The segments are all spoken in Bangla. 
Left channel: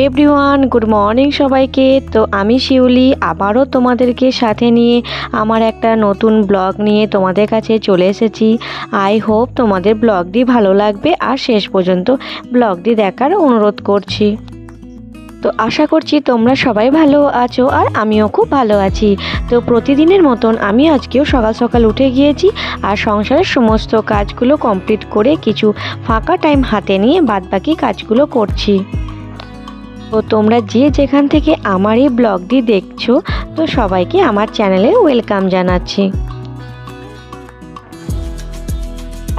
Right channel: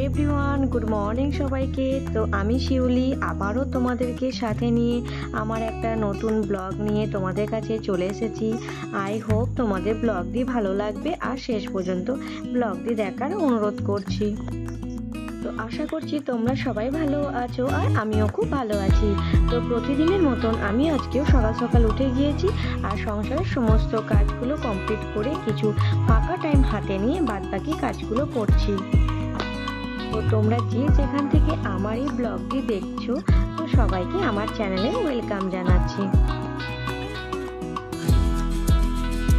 Everyone good morning सबाइके। तो आमी शिउली आबारो तोमादेरके साथे निये आमार एकटा नतून ब्लग निये तोमादेर काछे चले एसेछि। आई होप तोमादेर ब्लगटी भालो लागबे आर शेष पर्यन्त ब्लगटी देखार अनुरोध करछि। तो आशा करछि तोमरा सबाई भालो आछो और आमिও खूब भालो आछि। तो प्रतिदिनेर मतन आमी आजकेও सकाल सकाल उठे गिয়েছি আর সংসারের সমস্ত কাজগুলো কমপ্লিট করে কিছু ফাঁকা টাইম হাতে নিয়ে বাদবাকি কাজগুলো করছি। তো তোমরা যে যেখান থেকে আমার এই ব্লগটি দেখছো তো সবাইকে আমার চ্যানেলে ওয়েলকাম জানাচ্ছি।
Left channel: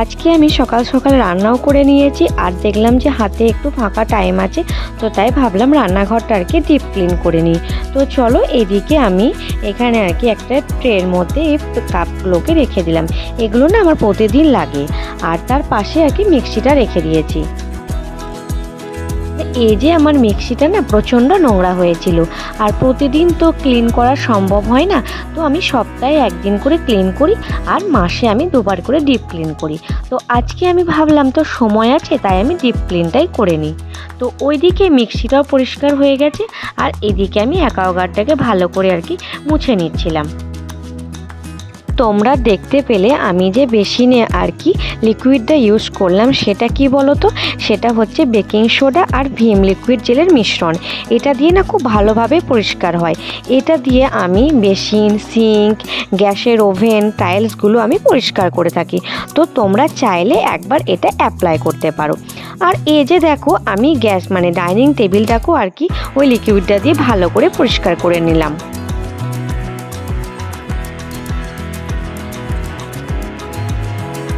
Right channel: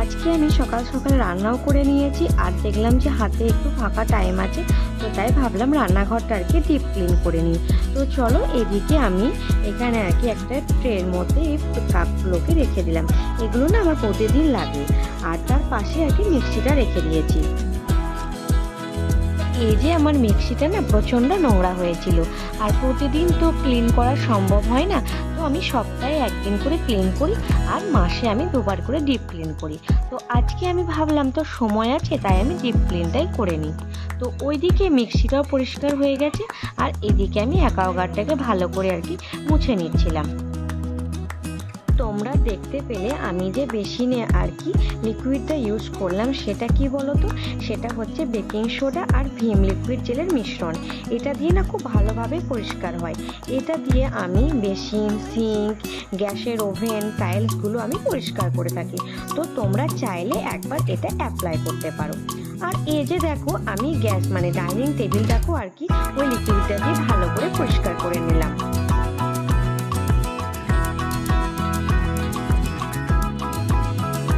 আজকে আমি সকাল সকাল রান্নাও করে নিয়েছি আর দেখলাম যে হাতে একটু ফাঁকা টাইম আছে, তো তাই ভাবলাম রান্নাঘরটা আর কি ডিপ ক্লিন করে নিই। তো চলো এদিকে আমি এখানে আর কি একটা ট্রের মধ্যে এই কাপগুলোকে রেখে দিলাম। এগুলো না আমার প্রতিদিন লাগে আর তার পাশে আর কি মিক্সিটা রেখে দিয়েছি। এই যে আমার মিক্সিটা না প্রচণ্ড নোংরা হয়েছিল আর প্রতিদিন তো ক্লিন করা সম্ভব হয় না, তো আমি সপ্তাহে একদিন করে ক্লিন করি আর মাসে আমি দুবার করে ডিপ ক্লিন করি। তো আজকে আমি ভাবলাম তো সময় আছে তাই আমি ডিপ ক্লিনটাই করে নিই। তো ওইদিকে মিক্সিটাও পরিষ্কার হয়ে গেছে আর এদিকে আমি অ্যাকোয়াগার্ডটাকে ভালো করে আর কি মুছে নিচ্ছিলাম। তোমরা দেখতে পেলে আমি যে বেসিনে আর কি লিকুইডটা ইউজ করলাম সেটা কি বলো তো, সেটা হচ্ছে বেকিং সোডা আর ভিম লিকুইড জেলের মিশ্রণ। এটা দিয়ে না খুব ভালোভাবে পরিষ্কার হয়। এটা দিয়ে আমি বেসিন, সিঙ্ক, গ্যাসের ওভেন, টাইলসগুলো আমি পরিষ্কার করে থাকি। তো তোমরা চাইলে একবার এটা অ্যাপ্লাই করতে পারো। আর এই যে দেখো আমি গ্যাস মানে ডাইনিং টেবিলটাকেও আর কি ওই লিকুইডটা দিয়ে ভালো করে পরিষ্কার করে নিলাম।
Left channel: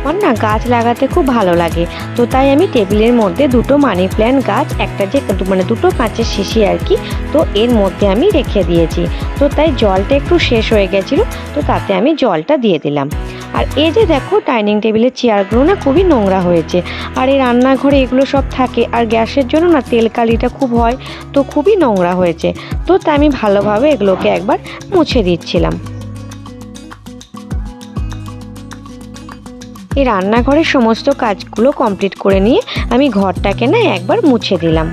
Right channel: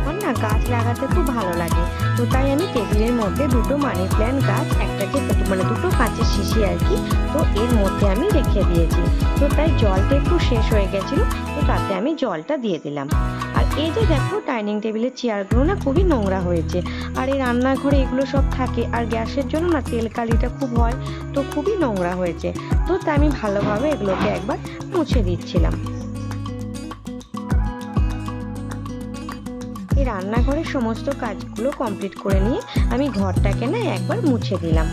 আমার না গাছ লাগাতে খুব ভালো লাগে, তো তাই আমি টেবিলের মধ্যে দুটো মানি প্ল্যান্ট গাছ, একটা যে মানে দুটো কাঁচের শিশি আর কি, তো এর মধ্যে আমি রেখে দিয়েছি। তো তাই জলটা একটু শেষ হয়ে গেছিলো, তো তাতে আমি জলটা দিয়ে দিলাম। আর এই যে দেখো ডাইনিং টেবিলের চেয়ারগুলো না খুবই নোংরা হয়েছে আর এই রান্নাঘরে এগুলো সব থাকে আর গ্যাসের জন্য না তেল কালিটা খুব হয়, তো খুবই নোংরা হয়েছে। তো তাই আমি ভালোভাবে এগুলোকে একবার মুছে দিচ্ছিলাম। এই রান্নাঘরের সমস্ত কাজগুলো কমপ্লিট করে নিয়ে আমি ঘরটাকে না একবার মুছে দিলাম।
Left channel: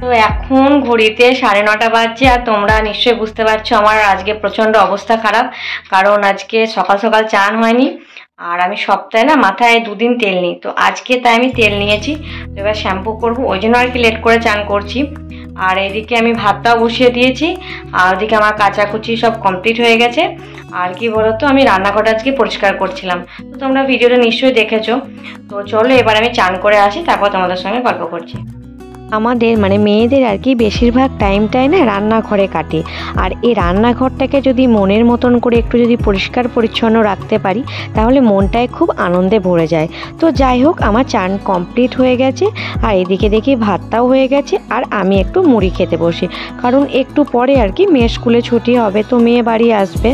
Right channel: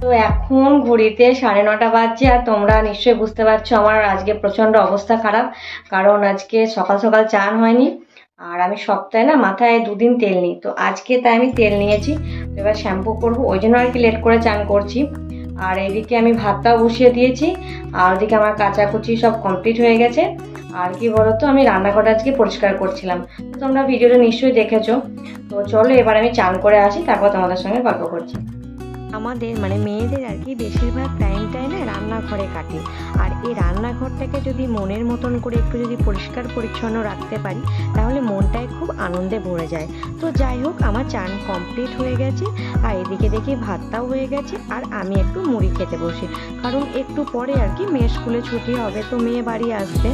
তো এখন ঘড়িতে 9:30 বাজছে আর তোমরা নিশ্চয়ই বুঝতে পারছো আমার আজকে প্রচণ্ড অবস্থা খারাপ, কারণ আজকে সকাল সকাল চান হয়নি আর আমি সপ্তাহে না মাথায় 2 দিন তেল নিই। তো আজকে তাই আমি তেল নিয়েছি, তো এবার শ্যাম্পু করবো, ওই জন্য আর কি লেট করে চান করছি। আর এদিকে আমি ভাতটাও বসিয়ে দিয়েছি আর ওদিকে আমার কাচাকুচি সব কমপ্লিট হয়ে গেছে। আর কি বলতো আমি রান্নাঘরটা আজকে পরিষ্কার করছিলাম, তো তোমরা ভিডিওটা নিশ্চয়ই দেখেছো। তো চলো এবার আমি চান করে আসি, তারপর তোমাদের সঙ্গে গল্প করছি। আমাদের মানে মেয়েদের আর কি বেশিরভাগ টাইমটাই না রান্নাঘরে কাটে, আর এই রান্নাঘরটাকে যদি মনের মতন করে একটু যদি পরিষ্কার পরিচ্ছন্ন রাখতে পারি তাহলে মনটায় খুব আনন্দে ভরে যায়। তো যাই হোক আমার চান কমপ্লিট হয়ে গেছে আর এদিকে দেখি ভাতটাও হয়ে গেছে আর আমি একটু মুড়ি খেতে বসি, কারণ একটু পরে আর কি মেয়ে স্কুলে ছুটি হবে, তো মেয়ে বাড়ি আসবে।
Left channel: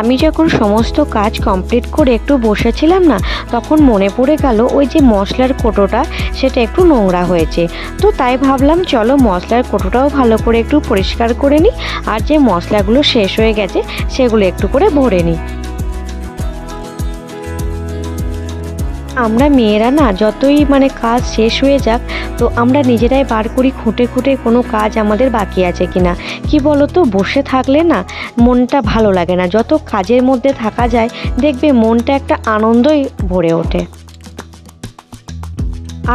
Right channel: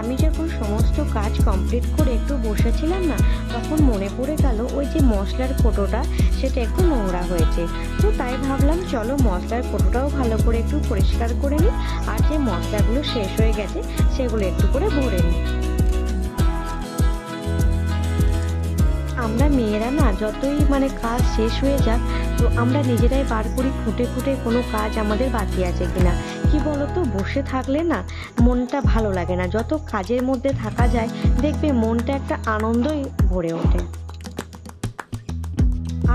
আমি যখন সমস্ত কাজ কমপ্লিট করে একটু বসেছিলাম না, তখন মনে পড়ে গেল ওই যে মশলার কোটোটা সেটা একটু নোংরা হয়েছে। তো তাই ভাবলাম চলো মশলার কোটোটাও ভালো করে একটু পরিষ্কার করে নিই আর যে মশলাগুলো শেষ হয়ে গেছে সেগুলো একটু করে ভরে নিই। আমরা মেয়েরা না যতই মানে কাজ শেষ হয়ে যাক, তো আমরা নিজেরাই বার করি খুঁটে খুঁটে কোনো কাজ আমাদের বাকি আছে কিনা। কি বলো তো, বসে থাকলে না মনটা ভালো লাগে না, যত কাজের মধ্যে থাকা যায় দেখবে মনটা একটা আনন্দই ভরে ওঠে।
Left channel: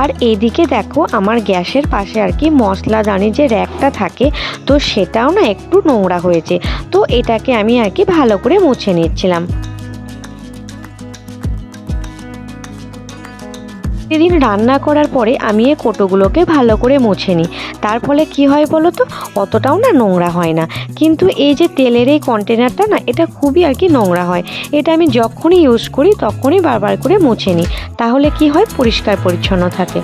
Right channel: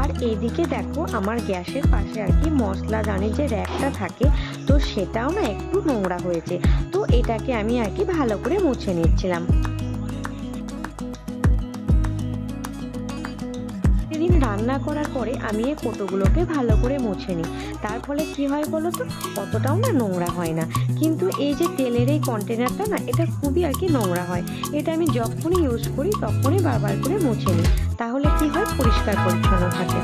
আর এইদিকে দেখো আমার গ্যাসের পাশে আর কি মশলাদানি যে র্যাকটা থাকে, তো সেটাও না একটু নোংরা হয়েছে, তো এটাকে আমি আর কি ভালো করে মুছে নিচ্ছিলাম। সেদিন রান্না করার পরে আমি এই কোটোগুলোকে ভালো করে মুছে নিই, তার ফলে কি হয় বলো তো, অতটাও না নোংরা হয় না। কিন্তু এই যে তেলের এই কন্টেনারটা না এটা খুবই আর কি নোংরা হয়, এটা আমি যখনই ইউজ করি তখনই বারবার করে মুছে নিই, তাহলে কি হয় পরিষ্কার পরিচ্ছন্ন থাকে।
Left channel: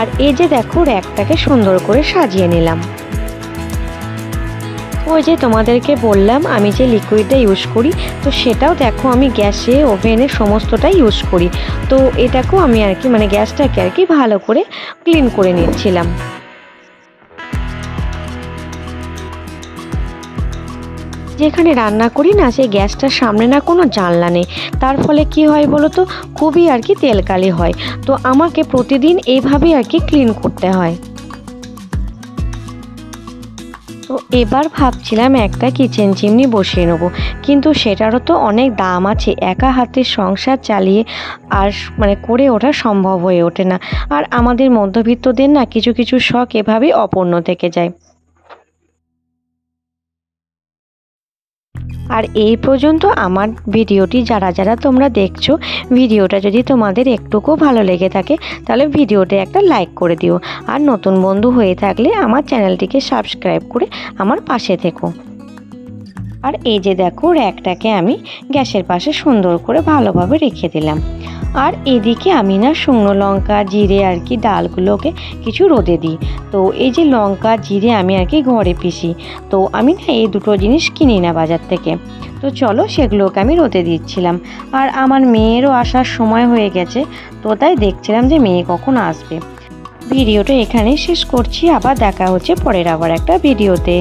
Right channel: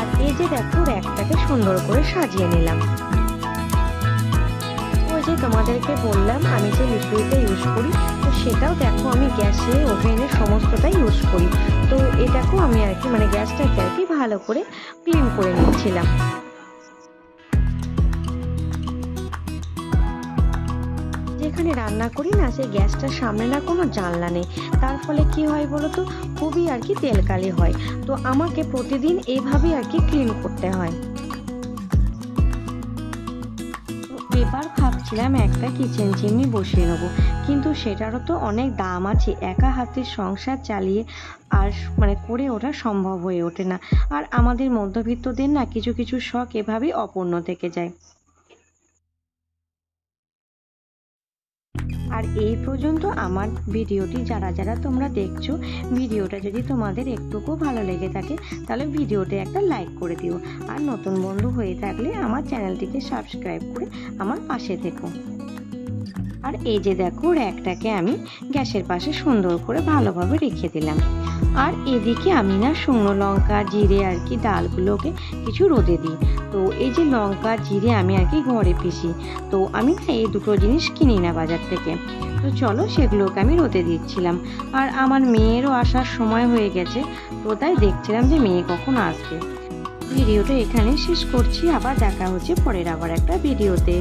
আর এই যে দেখো র্যাকটাকে সুন্দর করে সাজিয়ে নিলাম। ওই যে তোমাদেরকে বললাম আমি যে লিকুইডটা ইউজ করি, তো সেটাও দেখো আমি গ্যাসে ওভেনে সমস্তটাই ইউজ করি। তো এটাকেও আমি আর কি মানে গ্যাসটাকে আর কি ভালো করে ক্লিন করে নিচ্ছিলাম। যেখানে রান্না করি না সেই গ্যাসটার সামনে না কোনো জানলা নেই, তার ফলে কি হয় বলো তো, খুবই আর কি তেলকালি হয়। তো আমাকে প্রতিদিন এইভাবেই আর কি ক্লিন করতে হয়। তো এবার ভাবছিলাম একটা কিচেন চিমনি বসিয়ে নেবো, কিন্তু সেটারও তো অনেক দাম আছে, একা হাতে সংসার চালিয়ে আর করে ওঠা সম্ভব হয়ে ওঠে না। আর আমাদের মধ্যবিত্তদের না কিছু কিছু শখ এভাবেই অপূর্ণ থেকে যায়। আর এই পর্যন্ত আমার ভিডিওটি যারা যারা তোমরা দেখছো, ভিডিওটা যদি তোমাদের একটুকু ভালো লেগে থাকে তাহলে ভিডিওতে একটা লাইক করে দিও। আর নতুন বন্ধু হয়ে থাকলে আমার চ্যানেলটিকে সাবস্ক্রাইব করে আমার পাশে থেকো। আর এই যে দেখো, র্যাকটাকে আমি গ্যাসের পাশে সুন্দর করে ভালোভাবে রেখে দিলাম। আর এদিকে আমি না শুকনো লঙ্কা জিরে আর কি ডালগুলোকে কিছু রোদে দিই। তো এই যে লঙ্কা জিরে আমি আর কি ঘরে পিষি, তো আমি না এই দুটো জিনিস কিনি না বাজার থেকে। তো চলো সেগুলোকে আমি রোদে দিচ্ছিলাম। আর আমার মেয়েরও আসার সময় হয়ে গেছে, তো তাই দেখছিলাম যে মেয়ে কখন আসবে। ভিডিওটা এখানেই শেষ করছি, আবার দেখা হচ্ছে পরের আবার একটা ভিডিওতে।